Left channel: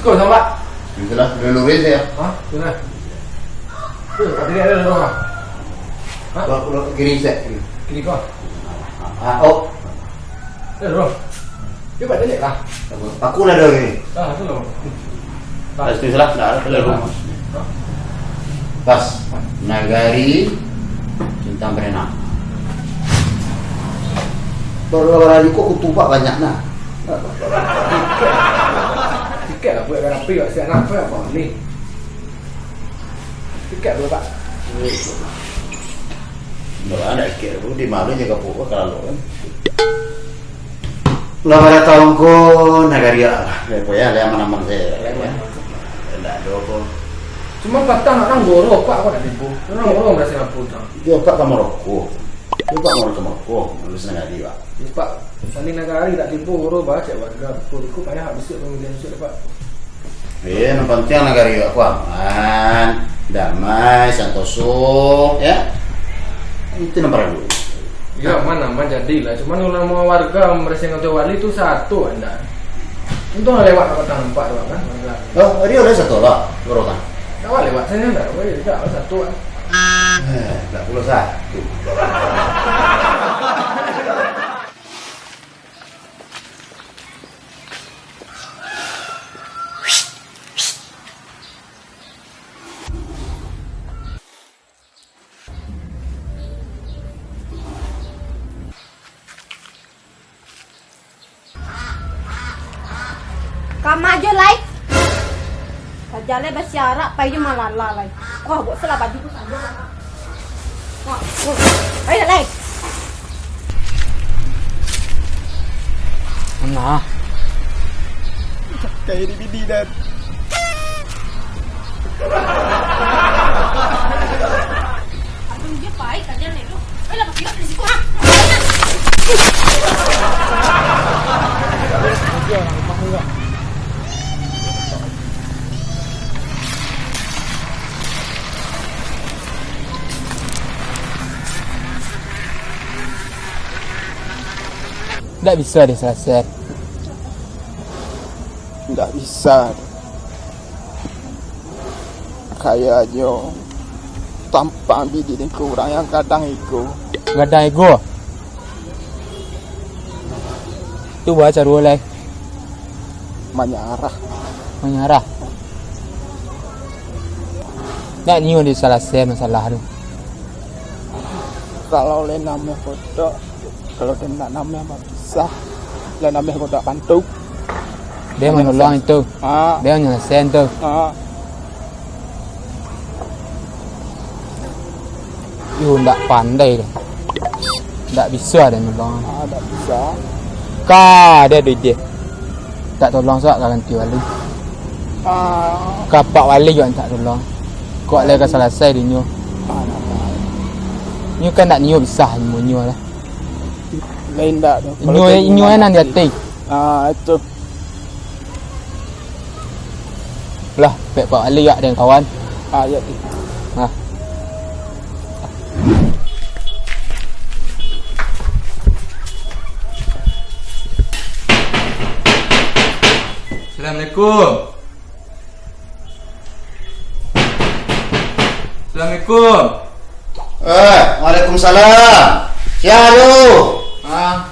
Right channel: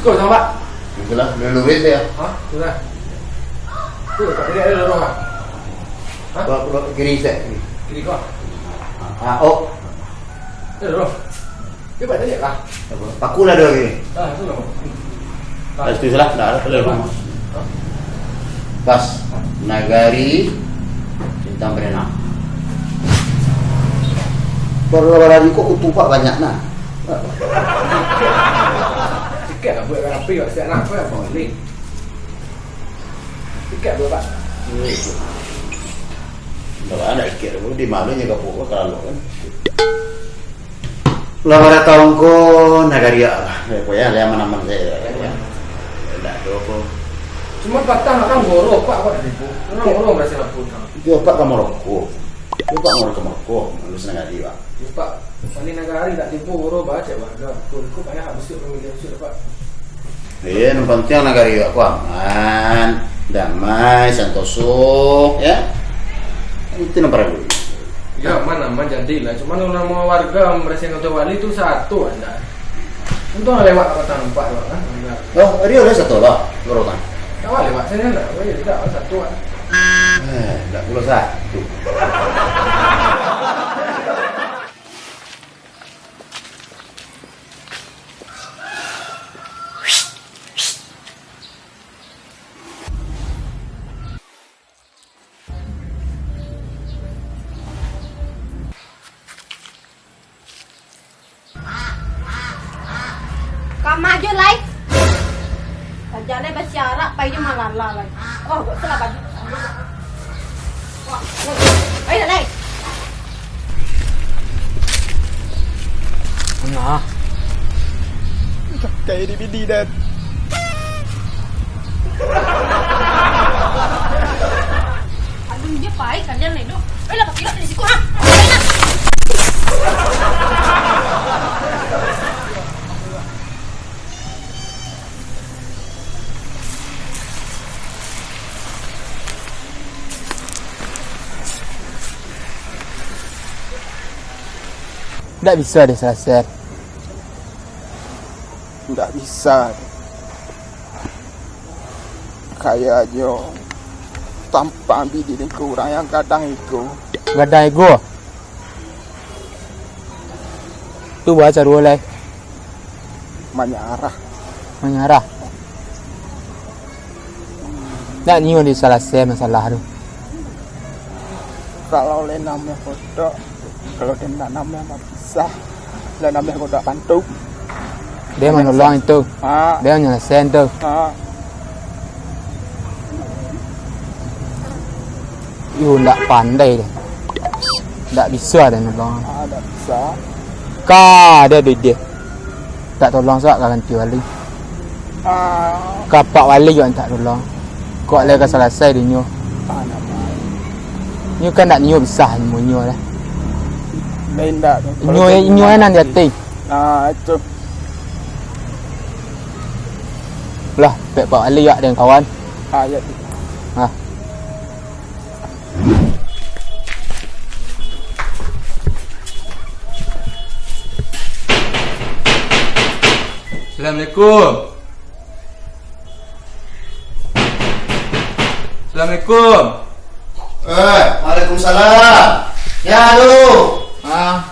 Sekolah sama Pak. Itulah, lulurin saya. Hah? Sudah. Tuh, Pak tidak ada dorong ah. Hah? Kalau kiri saya. Kiri kau. Oh. Ada dorong. Dia Pak tidak lah. Aku lah dong ini. Ah, tu lah. Itu salah, dah ada rumah. Pas, Nagari Cinta Berenang. Baru hari kok kutupak banyak nah. Tiket lah buat rapi kat siap nak apa boleh. Tiket dua Pak. Nggak ada tiket, di malu jaga pokok kalau kan. Lah pada tahun ko Nagari lah. Pokoknya ada mana-mana saya. Tidak ada apa. Cuma patah nak orang goro Pak kau dah tipu. Orang goro berasa nak putang. Dia Pak ke Maroko. Dia Pak mau ke Maroko, lulus Nagari Pak. Ya Pak, paling Nagari tak tipu goro baca warga. Kau payah habis pemilihan sudah Pak. Yang penting Nagari Pak aman, damai, santoso, ya. Itu nomor dulu. Ya aman jadilah. Cuma nama warga merasa ngatu wali itu satu anda. Untung lewat kota nampak doang kan warga. Oh, dia oleh satu lah, lorotan. Awal lewat sana enggak, tidak satu kan. Enggak pula satu. Kamu aja lai. Kajalnya bersiarak, pai je malala lai. Wah, buat salah baju tu saja. Wah, ayo lai. Mana? Kayak di bidi dan Aduh dia pai kalian ni tu. Ayolah pakai di situ ah. tak bisa dia selesai. Tak bisa. Kayaknya tampak bidi dengan kurang yang kadang itu. Gadang ego. Tu baca dua lagi. Menyarah. Menyarah. Tak nyium di salah saya masalah tu. Kalau le namanya kodok, kalau dia nak namanya apa pisah, le namanya kodok pantuk. Dia menolong itu. Dia menyelesaikan tu. You tak pandai dia. Tak bisa dia menolong. Tak bisa. Kah dia duit dia. Tak tolong sat ganti wali. Kapak wali juga tak tolong. Kau le ke selesai dia nyu. Nyu kan tak nyu bisa nyu lah. Lain tak tu. Nyu nan dia ti. Itu. Lah, pek pak wali ya dengan kawan. Ya tu. Assalamualaikum. Assalamualaikum. Waalaikumsalam. Yang aduh.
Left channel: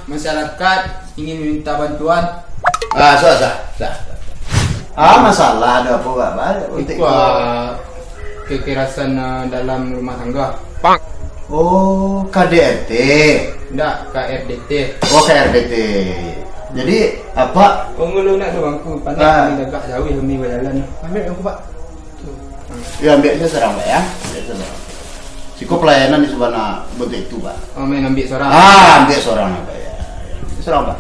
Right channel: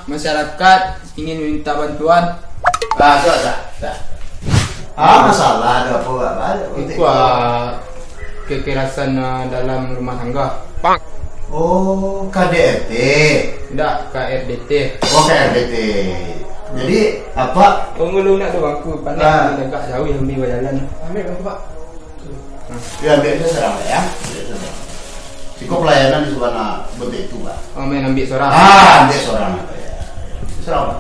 Masyarakat ingin minta bantuan. Sudah. Masalah ada apa Pak? Itu kekerasan dalam rumah tangga. Oh, KDRT. Tidak, KRDT. Oh, KRDT. Jadi apa? Pengeluh nak tu bangku pandai kami agak jauh ambil jalan. Ambil bangku Pak. Ya ambil saya serang Pak ya. Cukup pelayanan di sebelah bentuk itu Pak. Oh, main ambil seorang. Ambil seorang Pak ya. Serang Pak.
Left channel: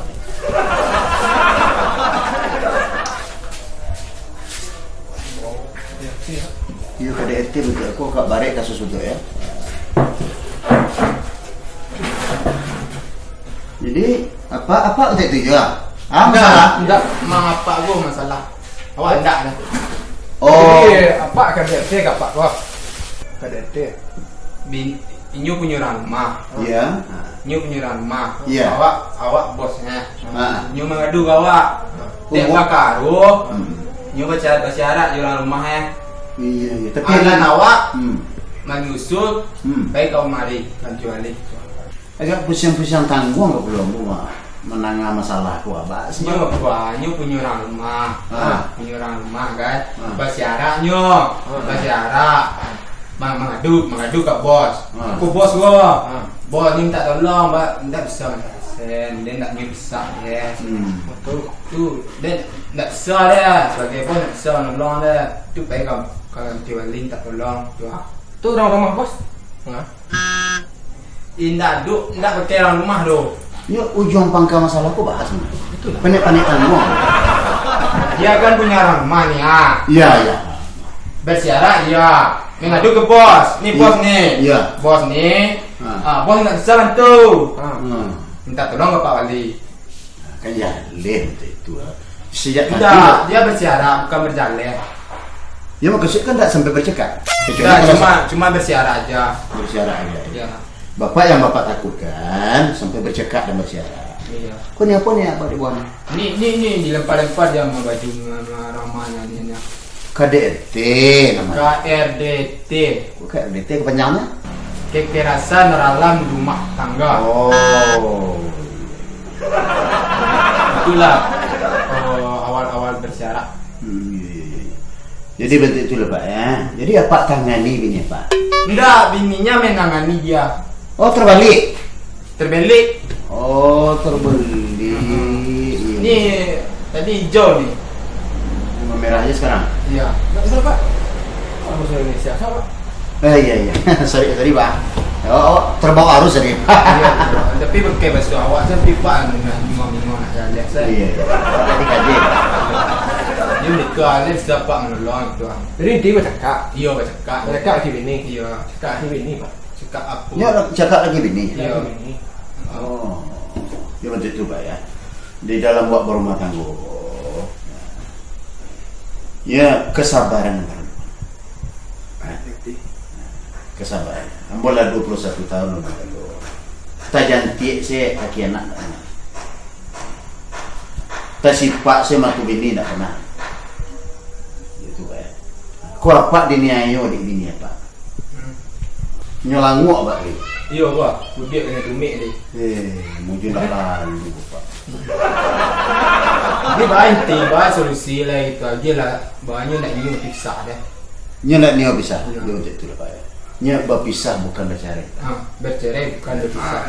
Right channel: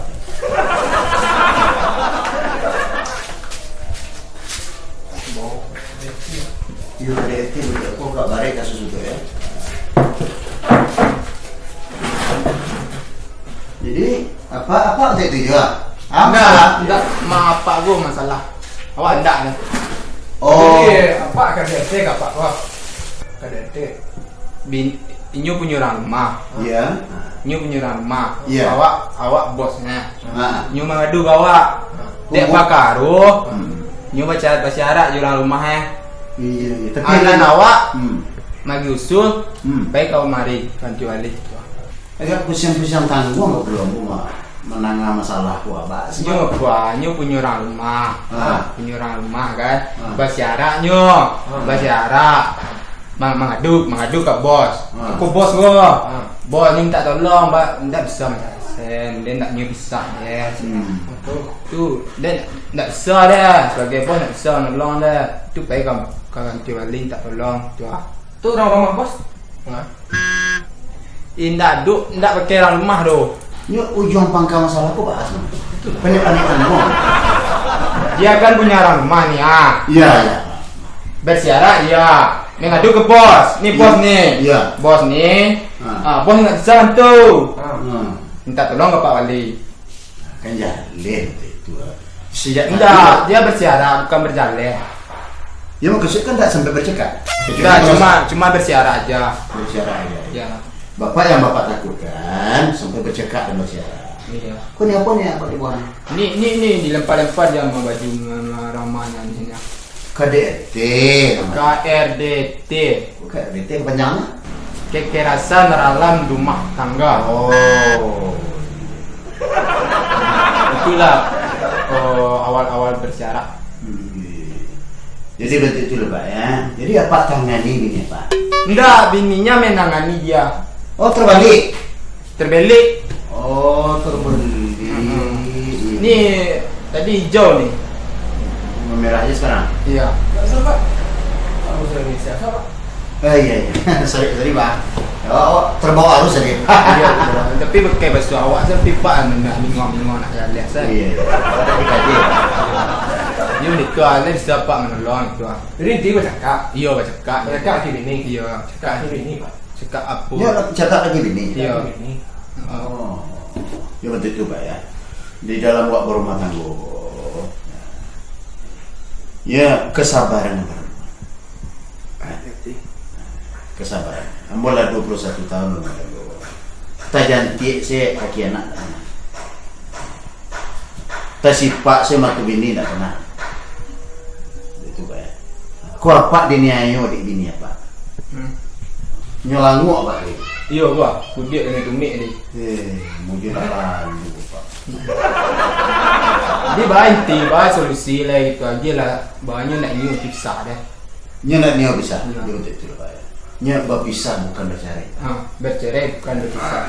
Iya KDRT betul. Aku agak barek kasus itu ya. Jadi apa waktu itu juga? Enggak, apa gua masalah. Awak enggak dah. Oh. Jadi apa KDRT Pak? Wah. KDRT. Inyo punya rumah. Iya. Inyo punya rumah. Iya. Awak bosnya. Ah. Inyo mengadu awak. Dia bakaru. Nyo bersyarat orang rumah Iya, iya. Tapi Alan awak Hmm. magi usul baik kau mari ganti wali. Agak pusing-pusing tanggung nggak belum gua menangani masalah gua, Pak. Nyo punya orang rumah. Punya orang rumah kan. Ah. Bersyarat bersyarat. Mengadu ke bos. Ah. Aku bos gua. Bos ni minta tolong, Pak. Tidak bisa macam sen. Dia tak bisa dia. Tu dia tak bisa dia. Sebagai bos tak bisa nolong dia. Tu baik kau ganti wali tak tolong. Tu Tu orang rumah bos. Nah. Indak pakai orang rumah tu. Ini ujung pangkal masalahku bahas mana? Panik-panik tanggung. Dia kan punya orang rumah nih, Iya, iya. bersyarat ya. Mengadu ke bos. Nih bos nih. Iya. Bos nih. Ah. Bos nggak bisa bantu. Minta tolong ke Pak Wali. Kan jalan itu. Sejak Enggak, dia bersyarat bukan berjalan. Ya mau kesik kan tak sampai bercakap. Enggak, cuma bersyarat aja. Bersiaran aja. Ya. Bapak yang bapak takutkan sampai bercakap dan bersiaran. Iya. Kau ni apa ni Pak Dibuan? Nih dilempar-lempar dia sama baju ramanya nih. KDRT namanya. KRDT. KDRT kepanjangnya? Kekerasan dalam rumah tangga. Oh. Itulah awal-awal bersyarat. Jadi bentuk itu lah Pak ya. Jadi apa tangani bini Pak? Enggak, bininya menangani dia. Oh terbalik. Terbelik. Oh terbalik. Nih tadi hijau nih. Merah aja sekarang. Iya. Enggak usah Pak. Kamu sudah Indonesia, Pak. Iya iya. sorry Pak. Oh terbawa arus tadi. Iya. Tapi pakai baju awak tapi Pak nak bingung nak jalan saya. Iya iya. Ada dikaji Pak. Dia ni tu ada siapa menolong tu. Jadi dia bercakap. Iya bercakap. Bercakap di bini. Iya. Cakap di bini, Pak. Cakap apa? Ya cakap lagi bini. Iya. Cakap di bini. Oh. Ya bentuk itu Pak ya. Di dalam buat berumah tangga. Ya kesabaran yang kesabaran. Ambola 21 tahun lalu. Tak jantik saya kaki anak tak kenal. Tak sifat saya matu bini tak kenal. Itu Pak ya. Kau apa diniayo dik bini apa? Nyolangu apa ni? Iya gua, kudik dengan tumik ni. Mungkin tak lalu Pak. Dia banting, bahas solusi lah itu aja lah. Banyak nak nyu pisah dah. Nya nak niat bisa. Ya. Dia betul tu lah Pak ya. Nya berpisah bukan bercerai. Bercerai bukan berpisah.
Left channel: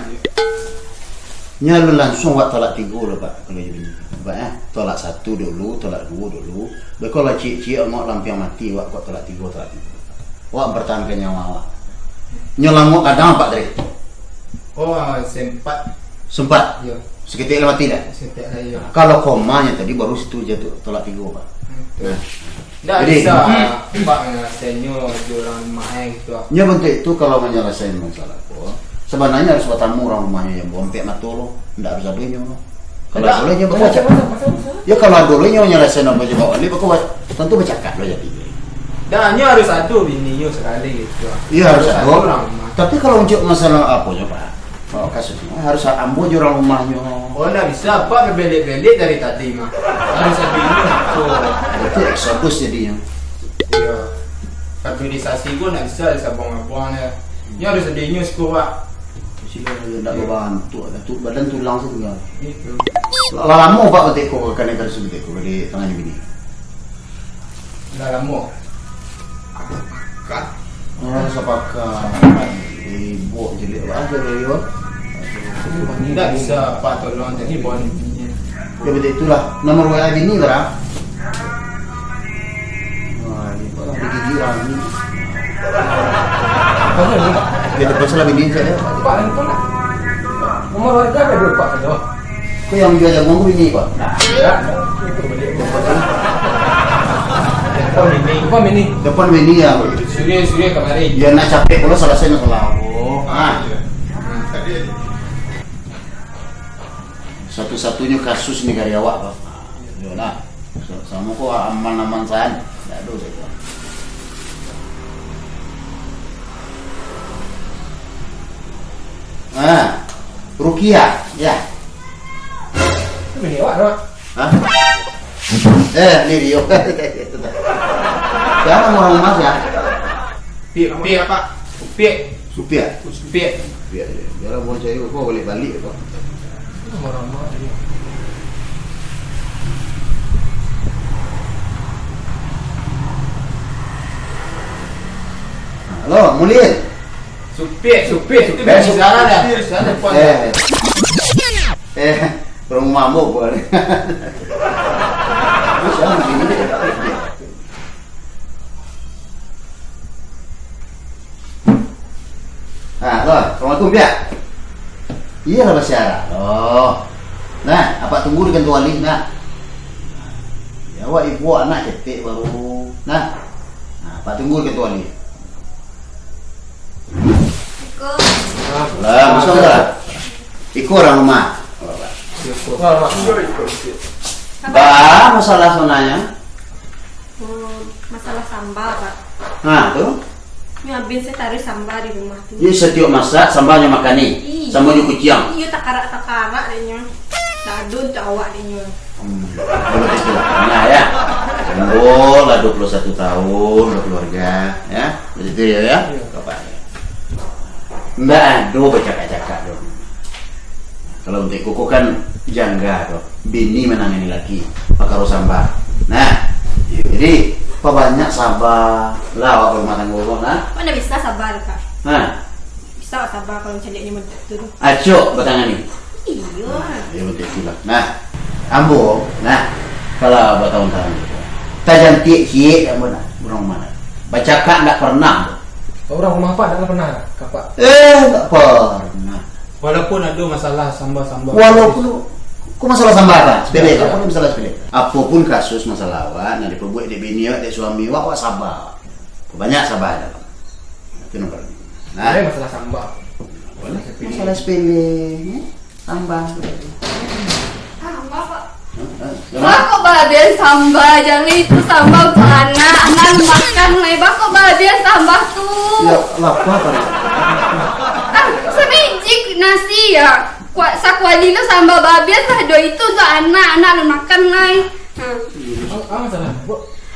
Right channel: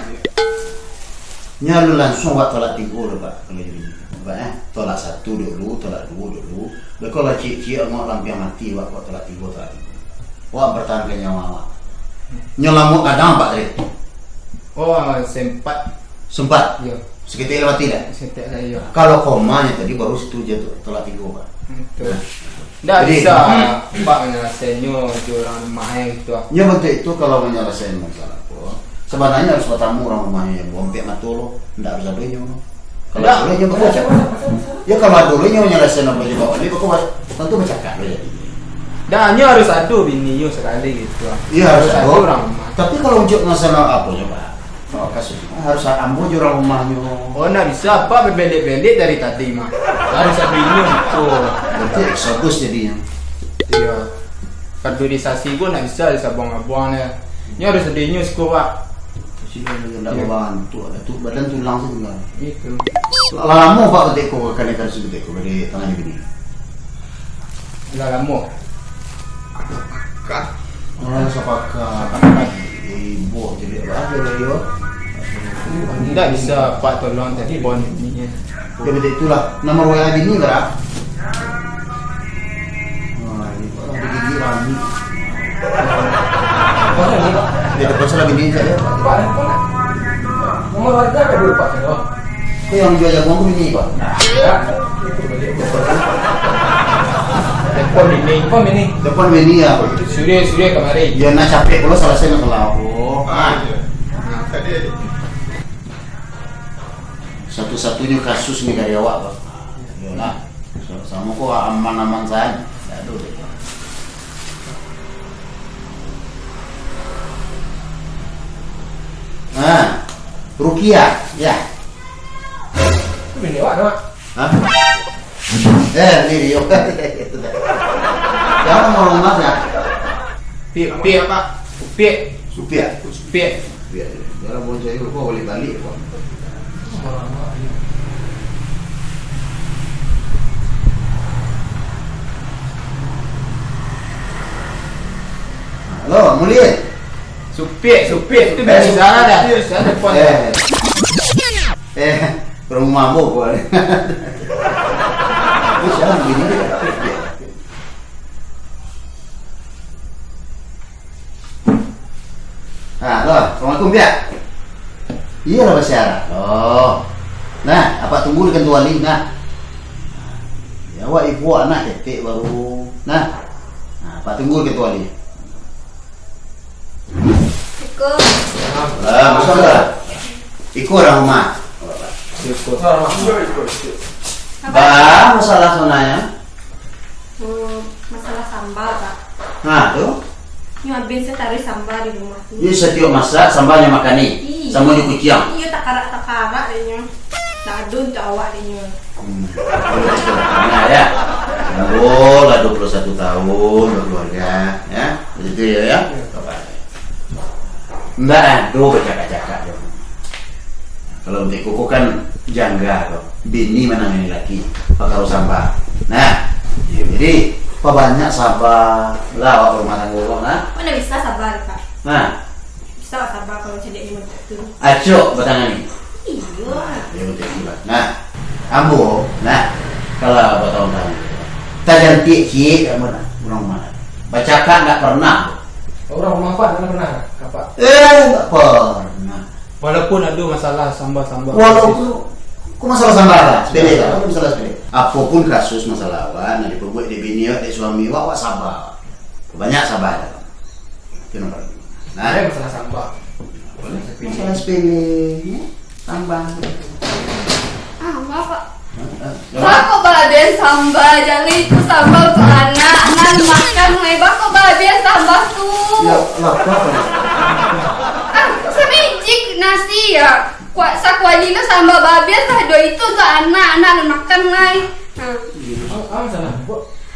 Nya lu langsung buat tolak 3 lah Pak kalau jadi bini. Pak ya. Tolak 1 dulu, tolak 2 dulu. Kalau cik-cik ngok lampiang mati buat tolak 3, tolak 3. Wak mempertahankan nyawa awak. Nya lamuk kadang Pak tadi. Oh, sempat. Ya, Seketika lewat tidak. setiap saya. Kalau komanya tadi baru situ jatuh tolak 3 Pak. Betul. Tak Jadi, bisa Pak menyelesaikannya di orang rumah gitu. Nya bentuk itu kalau menyelesaikan masalah pun sebenarnya harus bertamu orang rumahnya yang bompek matu lo, ndak harus adunya lo. Kalau Ndak. boleh nya baca. Ya kalau dulunya menyelesaikan apa je bawa li pokok tentu bercakap lo jadi. Dan harus adu bininya sekali gitu. Iya harus adu orang rumah. Tapi kalau untuk masalah apa ya Pak? Oh kasusnya harus ambo je orang rumahnya. Oh, ndak bisa Pak berbelit-belit dari tadi mah. Harus adu ini gitu. Berarti eksodus jadinya. Iya. Kaderisasi gua ndak bisa sabang-abangnya. Ini harus adu ini sku Pak. Sila ndak membantu ada tu badan tulang saja. Gitu. Lama Pak betik ko kan ikan sebetik ko dari tangannya bini. Dah lama. Oh sepakat. Ibu jadi apa dari yo? Ndak bisa Pak tolong jadi bon ini. Ya betul itulah nomor WA bini berapa? Wah ini Pak ada gigi rami. Apa ni, Pak? Dia dapat salah bini saya. Pak, handphone nak. Nomor warga ada dua Pak sudah. Kau yang jual jagung aku bini Pak. Ya. Itu balik. Telepon bini. Telepon bini. Depan bini ya. Surya kemarin. Ya nak capek kalau selesai masalah aku. Satu-satunya kasus ni karya awak Pak. Ya lah. Sama kau aman-aman saja. Tak ada deh. Rukia, ya. Itu bini awak, Pak. Hah? Ini Rio. Jangan orang Mas ya. Pik Pak. Pik. Supia. Pik. Supia. Jangan mau cari kok balik-balik kok. Orang-orang ini. Halo, Mulin. Supik itu bisa dah. Saya depan. Perang mabuk boleh. Itu siapa begini dia? Halo, Assalamualaikum Pia. Iya lah Basyara. Loh. Nah, apa tunggu di kantor wali? Nah. Ya, awak ibu anak ketik baru. Nah, apa tunggu di kantor wali? Lah, masuk enggak? Ikut orang rumah. Bah, masalah sonanya. Masalah sambal, Pak. Nah, tuh. Nyuapin saya taruh sambal di rumah tuh. Ini setiap masak sambalnya makan nih. Sama di kuciang. Iya, tak karak deh nyo. Dadun cawak deh nyo. Belum itu lah ya. Sambol lah 21 tahun berkeluarga, ya. Begitu ya. Bapaknya. Mbak Ado bercakap-cakap dong. Kalau untuk kuku kan jangga tuh. Bini menangani laki. Pakaro sambal. Nah, jadi apa banyak sabar lah awak rumah tangga kau, nah. Mana bisa sabar, Pak? Nah, Bisa sabar kalau cedeknya mentek tuh. acok bertangan nih. Iya. Ya betul itulah. Nah, ambo, nah kalau buat tahun-tahun kita jantik cik kamu nak orang mana? Baca kak nggak pernah. Orang rumah Pak tak pernah kapak. Nggak pernah. Walaupun ada masalah sambal-sambal. Walaupun kok masalah sambaran, sepele kan? Apa masalah sepele? Apapun kasus masalah awak, nanti perbuat di bini awak, di suami awak sabar. Banyak sabar dalam. Itu nomor. Ada Nah, masalah sambal. masalah sepele, sambal. Ah, enggak, Pak. Jangan. Kok babian sambal, jangan itu sambal tuh anak makan lebar kok babian sambal tuh. Ya, lapar apa nih? Ah, semijik nasi ya. Sakwali lo sambal babian lah do itu tuh anak makan lai. Nah, Apa masalah?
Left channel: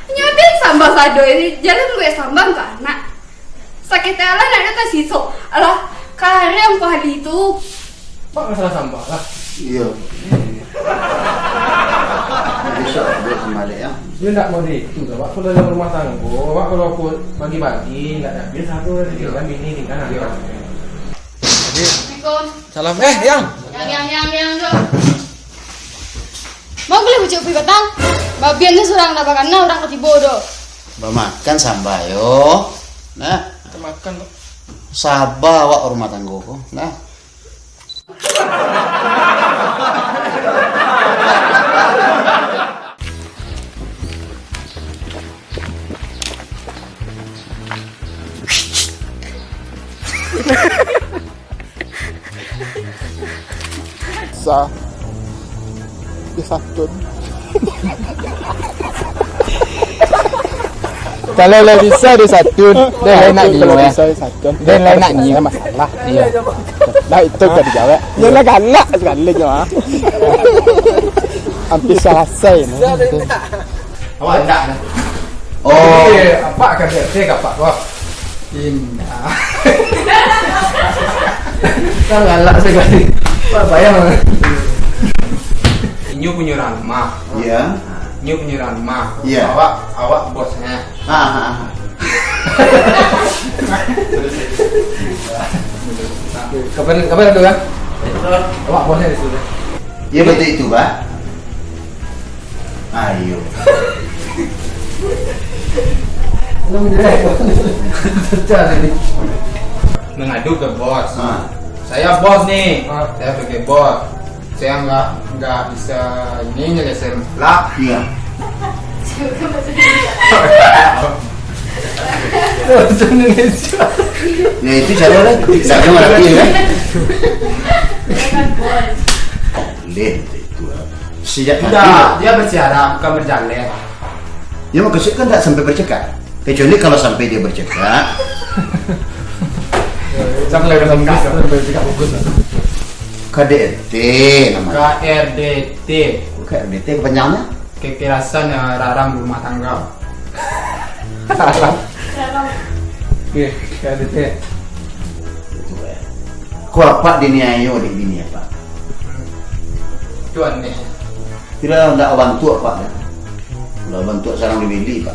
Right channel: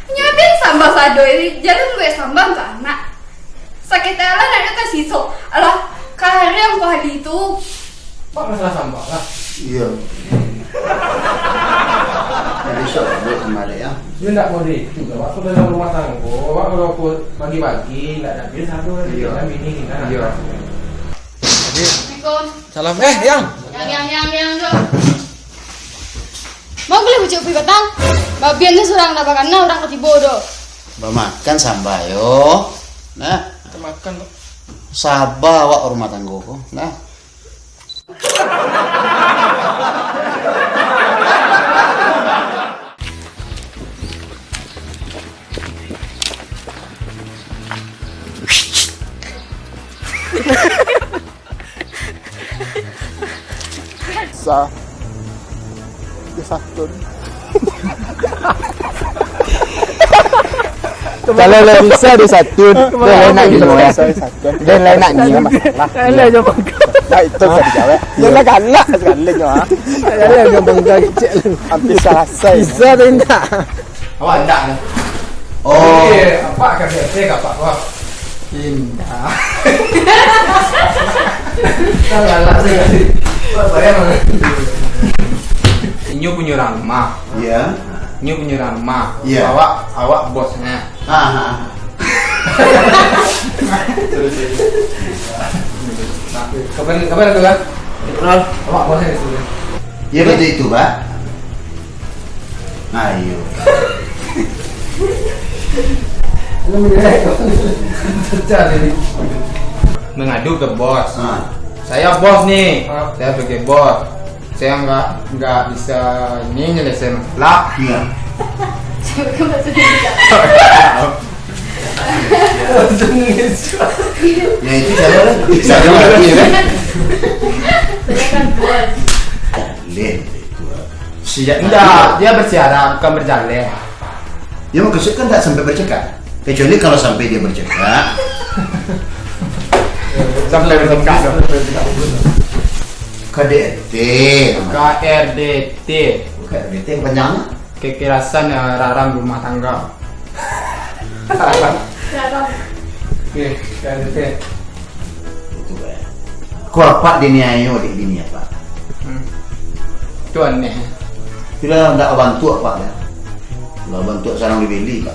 nyobin sambal sado ini jalan gue sambal tuh anak. Sakit ala ada tas sisok. Alah, karem kali itu. Pak masalah sambal lah. Iya. Nah, besok buat kembali ya. Dia tidak mau itu, Pak. Kalau dalam rumah tangga, Pak kalau aku pagi-pagi tidak ada biasa satu kan bini nih kan. Assalamualaikum. Salam. Yang. Yang dong. Mau beli ucap batang? Babiannya surang nabakan orang ketibodo. Makan sambal yo. Nah, Kita makan, Pak. sabar wak rumah tangga kok. Nah. Sa. Dia satu. Kalau lain bisa dia satu, dia lain nak dia ya. Dia lain nak ni masalah. Nah itu kan dijawab. Ya lah galak sekali je ah. Hampir selesai. Awak enggak dah. Oh, Apa kan saya kapak, Pak. Indah. Tak galak sekali. Pak bayang. Inyo punya rumah. iya. Inyo punya rumah. Iya. Awak bosnya. Kapan itu kan? Awak bosnya di situ. Iya betul itu, Pak. Ayo. Lu dia. Sejak ini. Mengadu ke bos. Ah. Saya bos nih. Saya sebagai bos. Saya nggak bisa ini nyelesain masalah. Iya. Ya itu cara lah. Saya ngerti kan. Boleh itu. Sejak Tidak, dia bersiara bukan berjalan. Ya maksud kan tak sampai bercakap. Kecuali kalau sampai dia bercakap. Sampai bercakap. KDRT namanya. KRDT. KDRT kepanjangannya? kekerasan raram rumah tangga. Raram. Oke, ada teh. Itu Pak. Kau apa diniayo di bini apa? Tuan nih. Tidak nak bantu apa ya? Kalau bantu sarang dibeli Pak.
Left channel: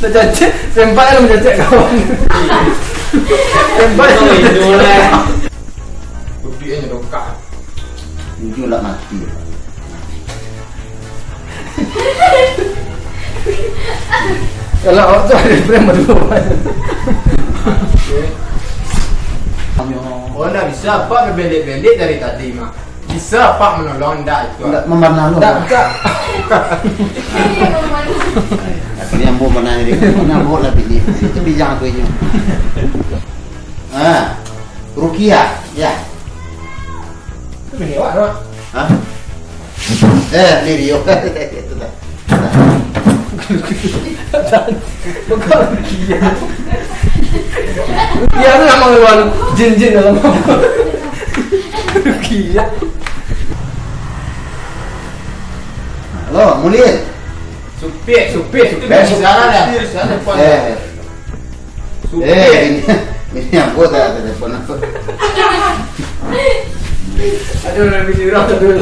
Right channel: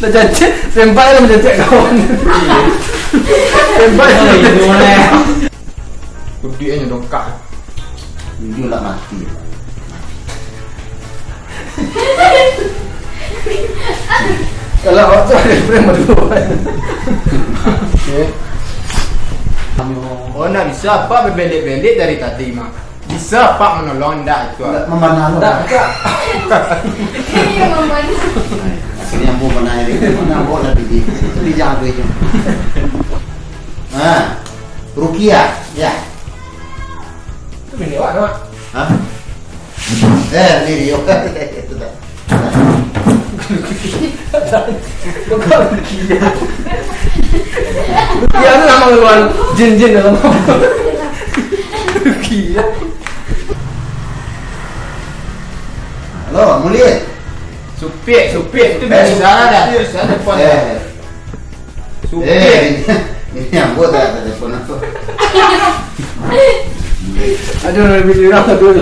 Dah cacik, sempat lah mencacik kawan. Sempat Itu lah. Kudiannya dongkak. Jujur lah mati Pak. Kalau awak tu ada frame berdua. Oh, nak bisa Pak berbelit-belit dari tadi mah. Bisa Pak menolong ndak itu. Enggak memanah lo. Tak, Pak. tak. Ini yang ngomong. Akhirnya yang mau menanya dia, mana mau lah pilih. Itu bijak aku itu. Ah, Rukia, ya. Tu bini awak nak. Hah? Ni Rio. Itu dah. Bukan Rukia. Rukia tu nama luar jin-jin dalam apa? Rukia. Halo, Mulin. Supir itu bisa dah. Bisa telepon. Supir. Ini yang buat dah telepon aku. Aduh, lebih dirang dulu.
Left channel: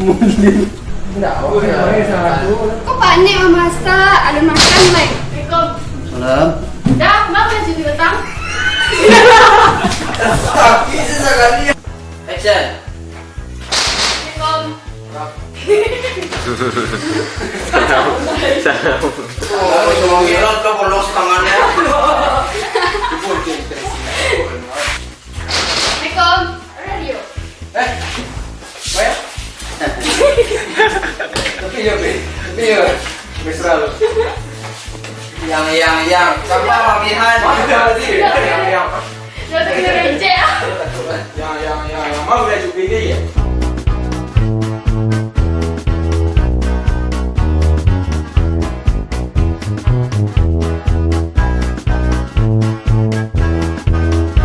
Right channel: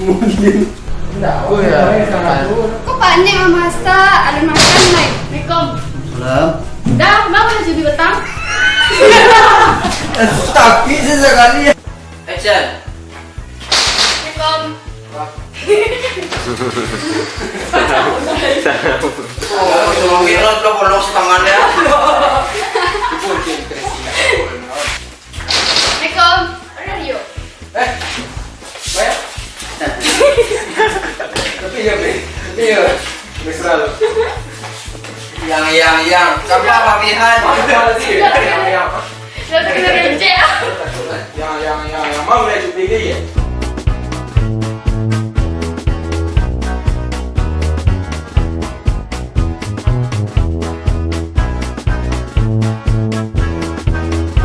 Mungkin. Tidak, awak yang salah tu. Kok panik mau masak? Ada makan naik. Assalamualaikum. Salam. Dah, bawa yang cuci petang. Sakit sekali. Action. Assalamualaikum. Kira kau bolos tangannya. Assalamualaikum. Ada Rio. Baik. Tapi ya, mesra lu. Yang. Siapa pamihan?